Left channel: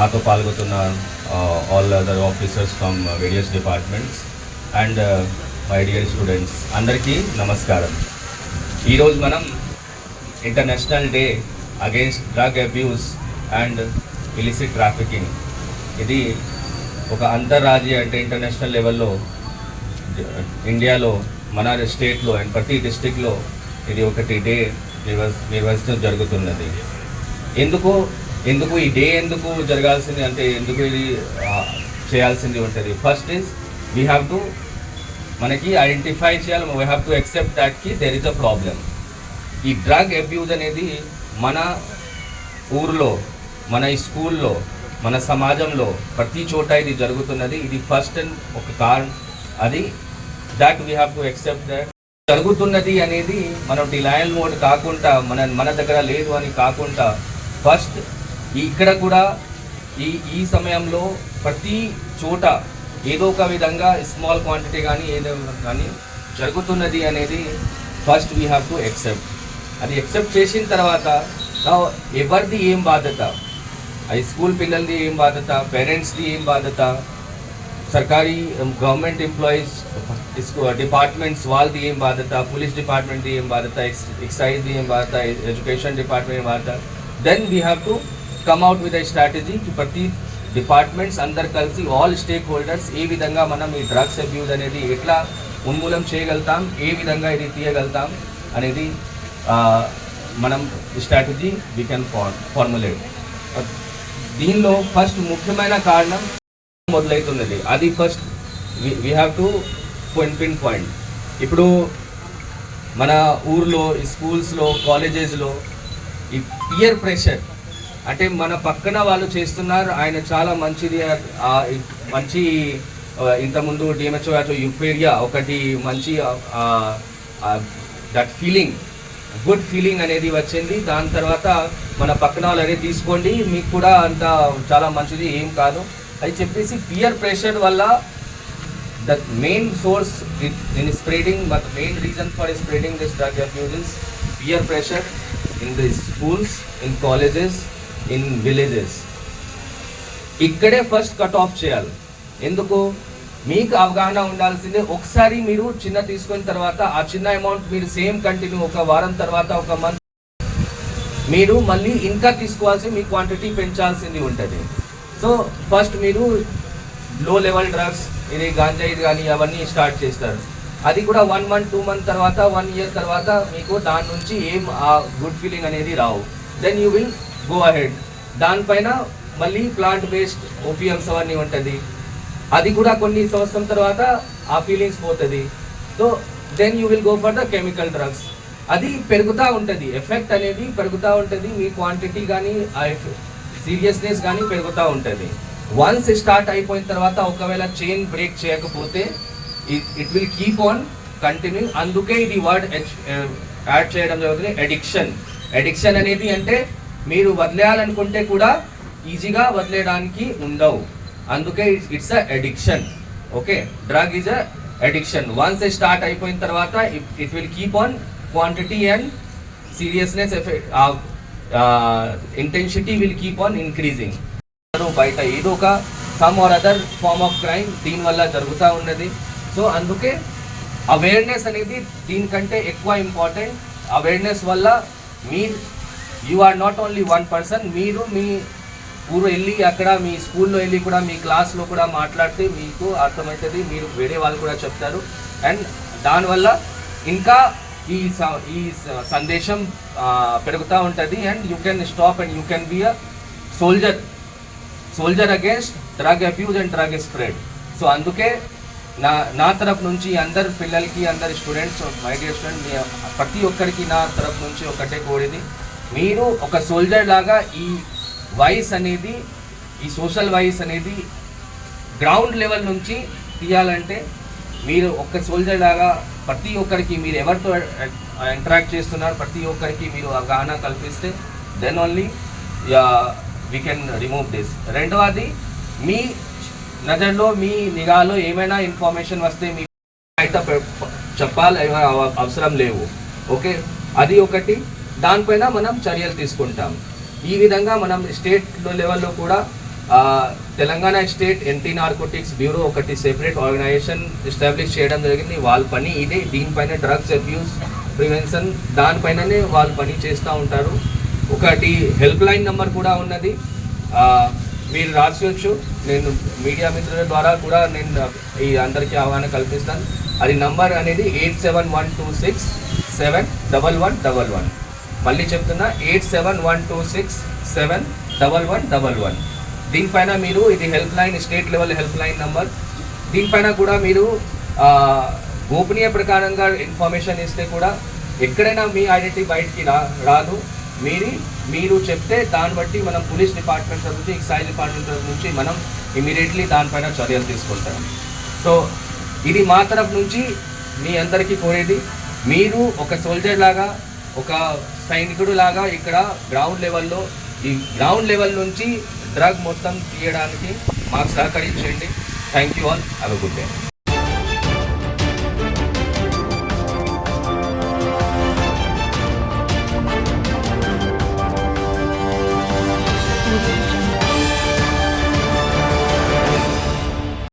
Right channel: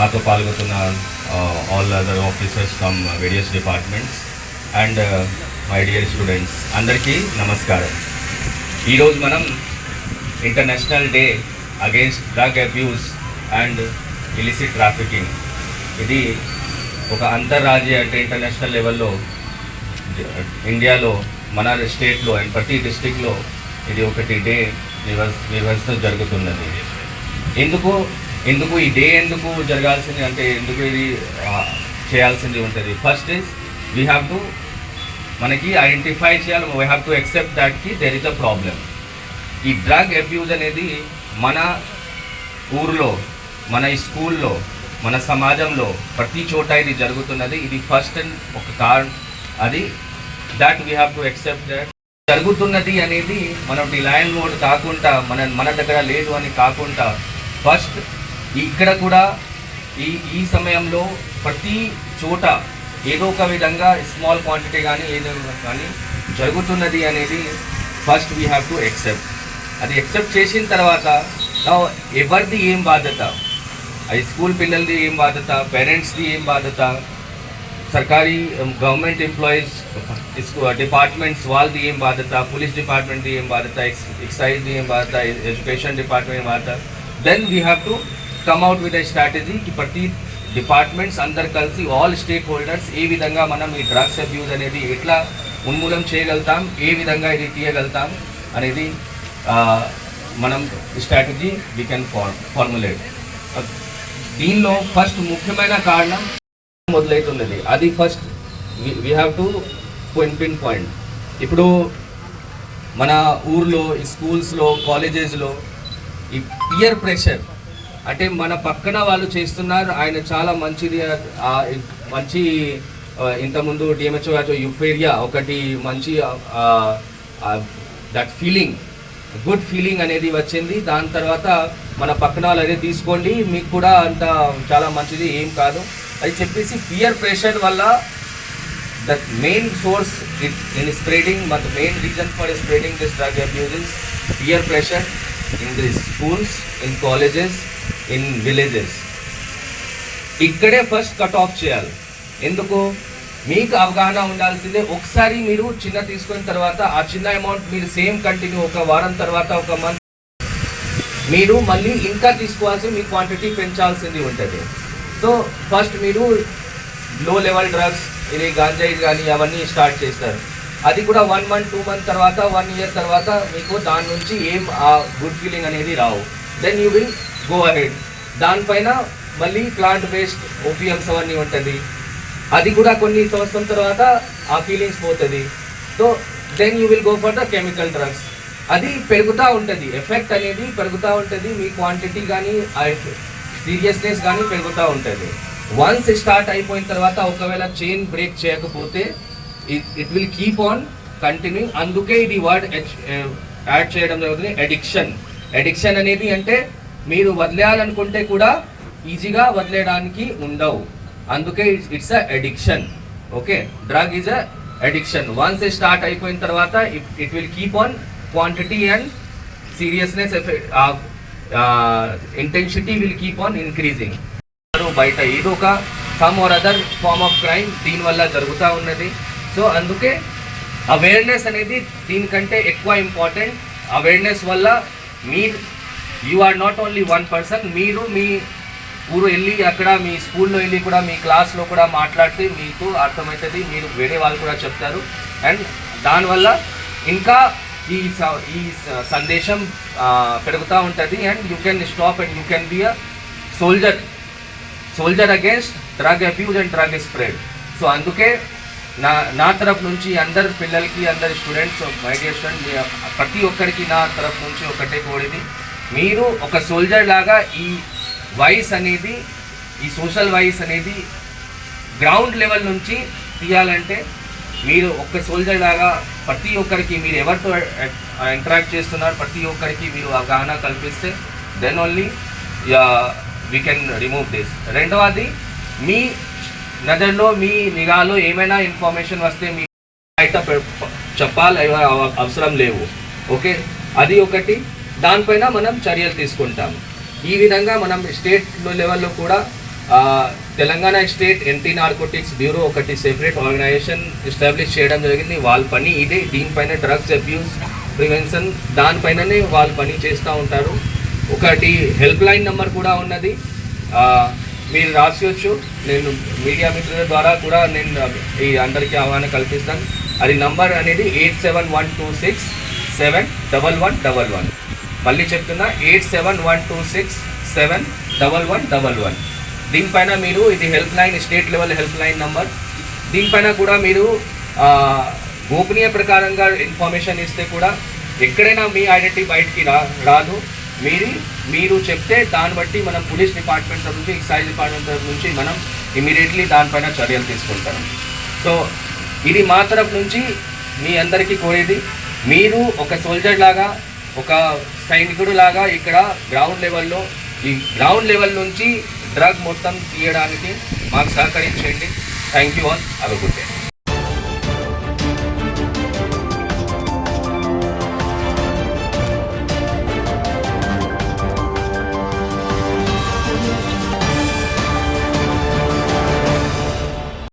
నాతో పాల్గొతున్న all other officers from various departments and my dear students అందరికీ నమస్కారం. ఈరోజు మనం international day against drug abuse and illicit trafficking ఇది ఒక అంతర్రాజ్య అంటే ఇంటర్నేషనల్ లెవెల్లో ఇండియాలో మన స్టేట్లో అండ్ ప్రతి డిస్టిక్లో ఇది ఒకటి డే నిర్వహ నిర్వహిస్తూ జరుగుతున్నది. ఎందుకు ఎందుకు ఈ డే ఎందుకు జరగాల్సింది అంటే ఎందుకు ఇది చేయాల్సింది ఉంటుంది? First is we have to మనకి ఐడెంటిఫై చేయాలి వీ హ్యావ్ టు ఎక్సెప్ట్ దాట్కి దెర్ ఇస్ అ ప్రాబ్లం ఈ డ్రగ్ అబ్యూజ్ అనేది మన ఊర్లో మన ఈ స్కూల్లో మన సమాజంలో ప్రతి చోట ఇది జరుగుతున్నది. ఇది ఫస్ట్ అండ్ ఒక కారణం అది that we have to accept that జరుగుతున్నది అనేది మనం డిలయల్ మోడ్ కాకుండా మన మన దగ్గర లేదు అని కాకుండా ఫస్ట్ ఇక్కడ కూడా ఈ ఈ సమయంలో ప్రతి చోట ఏదో ఒక విధంగా స్మాల్ క్వాంటిటీ కానీ ఏదో కానీ జరుగుతున్నది అనేది first we have to accept అది ఎక్సెప్ట్ చేసిన తర్వాత ఎవరిది ఏం బాధ్యత? హై స్కూల్ పిల్లలది ఏం బాధ్యత? పేరెంట్స్ది ఏం బాధ్యత? సర్కారీ గవర్నమెంట్ ఎంప్లాయీస్ డిపార్ట్మెంట్స్ వాళ్ళది ఏం బాధ్యత? పోలీస్ డిపార్ట్మెంట్ది ఏం బాధ్యత? ఎక్సైజ్ది ఏం బాధ్యత? ఎడ్యుకేషన్ డిపార్ట్మెంట్ బాధ్యత? Then we have to come out with a strategy కి ప్రతి డిపార్ట్మెంట్స్ అందరు కలిసి ఆల్ స్టేక్ హోల్డర్స్ ఏ విధంగా మనం ఈ డ్రగ్స్ అబ్యూజ్ అనేది ఎట్లా ఉన్మూలం చేయగలుగుతాం ఏ విధంగా ఇది తీయగలుగుతాం అనేది మనం స్ట్రాటజీ వీ కెన్ ఫార్ములేట్ దీనిలో ఫస్ట్ ముఖ్యమైన కారణం మొదలవుతున్నది అది first we have to pinpoint ఇప్పుడు మన ఊర్లో ఈ స్కూల్స్లో కాలేజెస్లో ఈ పియర్ ప్రెషర్ అంటే మన పక్కన వాళ్ళు చేస్తున్నారు. ఆయన చాలా మంచిది. మంచి ఇంతకుముందు డిఎంహెచ్ఓ యుపేరియా ఒకటి మంచి దట్ ఫీలింగ్ గుడ్ ఫీలింగ్ అనేది వచ్చింది. దాని తర్వాత మన పక్కన వాళ్ళు అనేది తీసుకోండి. మీకు కూడా అంత చాలా మంచిది ఏం కాదు. అది చెప్పేసి పియర్ ప్రెషర్ వల్ల that main source in in spreading but main reason reason for spreading this drug pressure in the schools in the schools, in colleges, in villages ఇక్కడే ఫస్ట్ కట్ ఆఫ్ చేయాలి. ఎందుకు? మీకు అవగాహన ఉండాల్సిందే. ఒకసారి మీరు చిన్న తీసుకున్న తర్వాత ఆ చిన్న అమౌంట్ మీరు సేమ్ కంటిన్యూ ఒక వారం తర్వాత ఒక మంత్ మీరు మళ్ళీ ఇంకా తీసుకోవాల్సి మీ క్వాంటిటీ పెంచాల్సింది ఉంటుంది. సో ఫస్ట్ మీరు లో లెవెల్ డ్రగ్స్ ఇది గాంజాయి కానీ అవన్నీ స్టార్ట్ చేస్తారు. అది కూడా వన్ మంత్ టూ మంత్ తర్వాత వన్ ఇయర్ తర్వాత మీకు దాని నుంచి ఏం ఆ గుడ్ ఫీలింగ్ అనేది రావు. Then you will go ahead దానిపైన మళ్ళీ ప్లాంట్ బేస్డ్ ఓపియమ్స్ అవన్నీ ఉంటుంది. అది కూడా కొన్ని సంవత్సరం తర్వాత ఆ ఫీలింగ్స్ పోతుంది. So then you will go for the chemical drugs అది పెరుగుతూ ఉంటుంది. ఎఫెక్ట్ అనేది పెరుగుతూ ఉంటుంది. మీ క్వాంటిటీ కానీ ఆ సీరియస్నెస్ కానీ పెరుగుతూ ఉంటుంది. వన్స్ స్టార్ట్ అయిపోయిన తర్వాత ఒకవేళ చైన్ బ్రేక్ చేయకపోతే it will keep on continue అందుకే ఇది వర్డ్ యాడ్ eh, చేయడం జరుగుతుంది. అడిక్షన్ అడిక్షన్ అనేది అంటే మీరు వదిలేయాలనుకుంటే కూడా ఈజీగా వదిలేయడానికి ఉండవు. అందుకే it's a addiction okay drug is a addiction once start అయిపోయిన తర్వాత it will keep on quantity and seriousness intensity will keep on increasing బయట ఏదో ఒక come or other form of crime దీని వల్ల జరుగుతూ ఉన్నది. సో అందుకే అవేర్నెస్ అనేది దీనికంటే ఎక్కువ ఇంపార్టెంట్ అవేర్నెస్ వల్ల మీ you are not only one person మీరు మీ ఊరు వెళ్ళి అక్కడ మీ స్కూల్లో వెళ్ళి కూడా మీ క్లాస్లో కూడా మాట్లాడితే మీకు అర్థమవుతుంది మీరు వేరే వాళ్ళు కూడా చెప్తారు. అండ్ దానివల్ల ఇంకా ఈ స- ఈ సందేశం పెరుగుతూ ఉంటుంది. And you can stop and you can be a soldier soldier against drug abuse and drug spread so అందుకే నా నా తరఫు నుంచి అందరు పిల్లలకి అందరి స్టూడెంట్స్ మై డియర్ స్టూడెంట్ ప్రతి ఒక్కరికి నా తరఫు నుంచి ఒకటే కోరేది. మీరు ఒక సోల్జర్ లాగా ఈ వాయిస్ అనేది ఈ సోషల్ వాయిస్ అనేది గ్రౌండ్ లెవెల్ నుంచి తీయాలంటే మీరు ఒక్క సోల్జర్ లాగా ప్రతి ఒక్కరికి మీరు ఎవరితో ఇంటరాక్ట్ చేస్తున్నారు ప్రతి ఒక్కరికి మీరు అవగాహన కల్పిస్తే then only we can remove this రెండవది మీ నజర్లో మీ నిఘాలో ఏమైనా ఇన్ఫర్మేషన్ వస్తే మీ బయట చెప్పాలి అవసరం లేవు. ఓకే అది ఒకటి. దానిపైన మనం చర్యలు తీసుకుంటాం. ఈ విధంగా మనం స్టేట్ లెవెల్లో కూడా Telangana state anti narcotics bureau ఒకటి సెపరేట్ ఆర్గనైజేషన్ ఎస్టాబ్లిష్ చేయడం జరిగింది. వాళ్ళ పని ఇదే. దీనిపైన డ్రగ్స్ అబ్యూస్ ప్రివెన్షన్ దానిపైననే వాళ్ళు పని చేస్తూ ఉంటారు. ఒకటి హెల్ప్ లైన్ నెంబర్ కూడా ఉన్నది. మీరు రాసుకోవచ్చు. నేను మీడియా మిత్రుల ద్వారా కూడా నేను ఈ అందరికీ అవగాహన కల్పిస్తాను. అది నంబర్ అనేది eight seven one two six seven double one double one మళ్ళీ చెప్తున్నా eight seven one two six seven double one double one. దీనిపైన మీరు ఇది help line state level help line number. దీనిపైన కూడా మీరు గోపనీయ ప్రకారంగా ఇన్ఫర్మేషన్ ఇస్తే కూడా ఎక్కడైనా మీ ఐడెంటిటీ బయటికి రా రాదు. మీరు మీరు చెప్తే దాన్ని బట్టి మనం పోలీస్ డిపార్ట్మెంట్ నుంచి ఎక్సైజ్ డిపార్ట్మెంట్ నుంచి మనం ఇమీడియట్లీ దానిపైన చర్యలు తీసుకుంటాం. సో ఇది మా తరఫు నుంచి మీ అందరికీ కోరేది. మీరు ఒక సోల్జర్ లాగా ఒక సైనికుడు లాగా ఇక్కడ గ్రౌండ్ లెవెల్లో ఈ గ్రౌండ్ లెవెల్ నుంచి డ్రగ్ మొత్తం తీయడానికి మాకు సహకరించండి. థ్యాంక్ యూ ఆల్ అవి గుడ్ డే